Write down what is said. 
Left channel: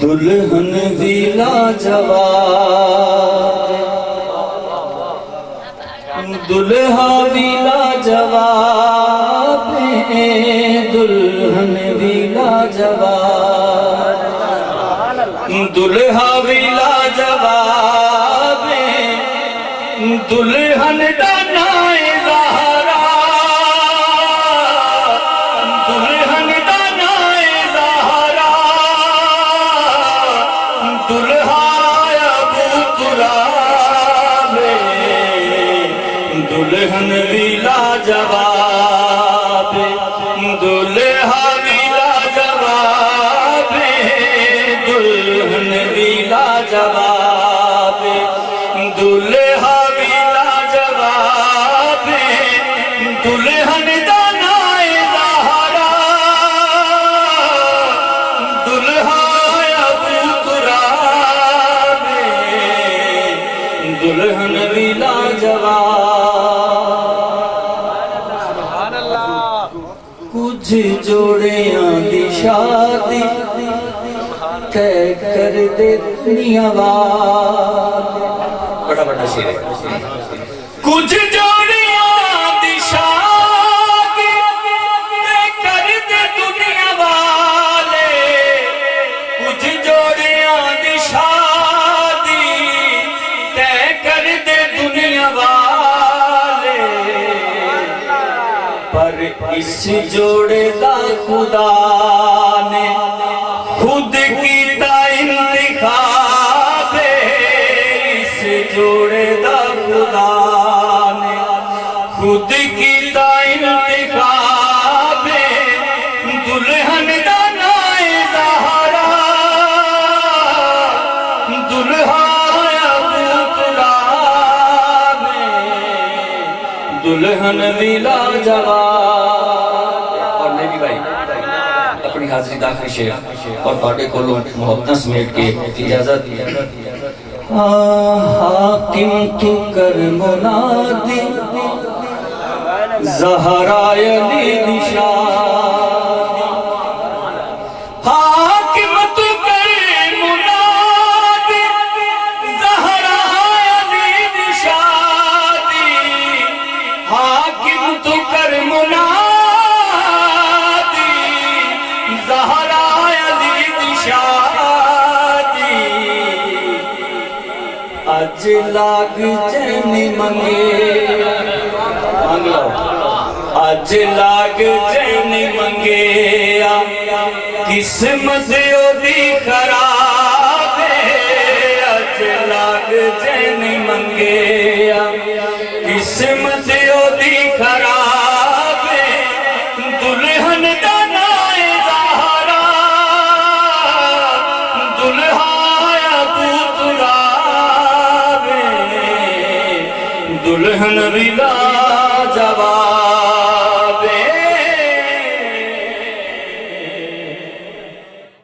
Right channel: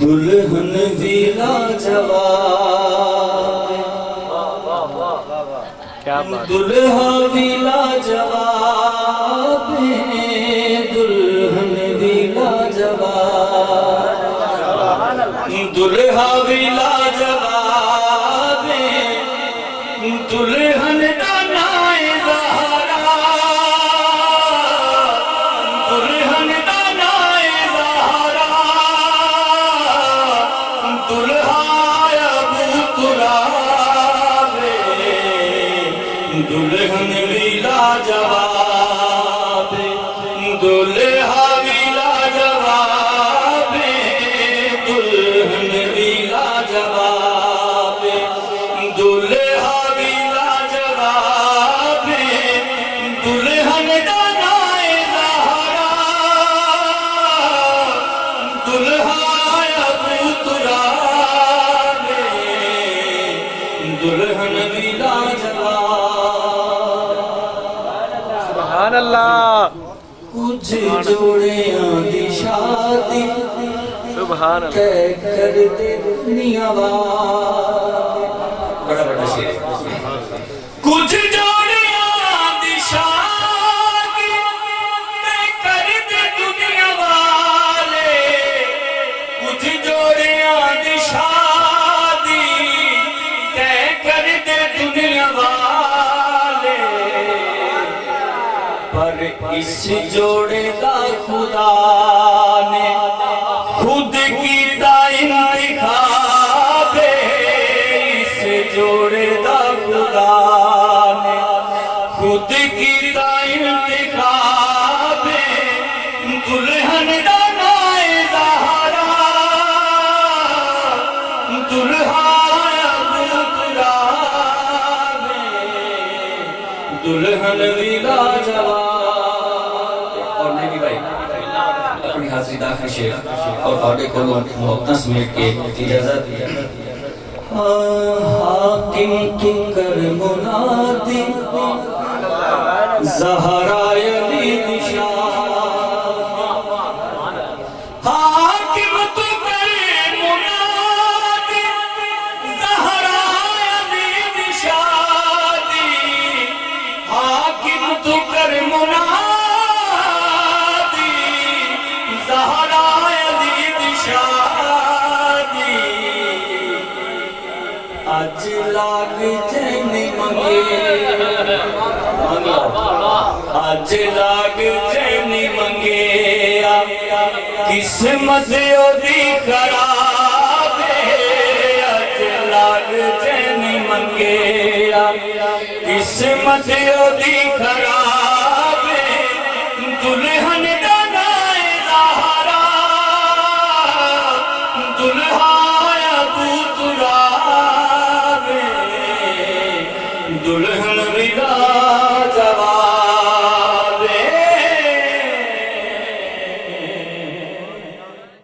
دلہن بھی لاجواب دلہا بھی لاجواب دلہن بھی لاجواب دلہا بھی لاجواب دلہن دانائے زہرا دلہن دانائے زہرا دلہا ابو تراب دلہن بھی لاجواب دلہا بھی لاجواب دلہن بھی لاجواب دلہا بھی لاجواب دلہن دانائے زہرا دلہا ابو تراب دلہن بھی لاجواب سبحان اللہ کچھ جوڑیاں دی شادی سبحان اللہ کہہ کر دیتنی آواز بڑا بڑا شیر ہے کچھ جوڑیاں دی شادی کہہ کر دے دنیا والے کچھ جوڑیاں دی شادی کہہ کر دے دنیا والے پر اس جوڑے دا خدا نے خود کیتا انتخاب اس جوڑے دا خدا نے خود کیتا انتخاب دلہن دانائے زہرا دلہا ابو تراب دلہن بھی لاجواب اور میں بھی بھائی اپنی حاضری داخل شیخ اور پاٹے کھولوں محبتہ سمیٹ کے اجازت حاکم تو کر منادی زہرا علی نشان حاکم تو کر منادی زہرا علی نشان حاکم تو کر منادی زہرا علی نشادی اج لاگ چین منگے اج لاگ چین منگے قسمت دی خراب اج لاگ چین منگے قسمت دی خراب دلہن دانائے زہرا دلہا ابو تراب دلہن بھی لاجواب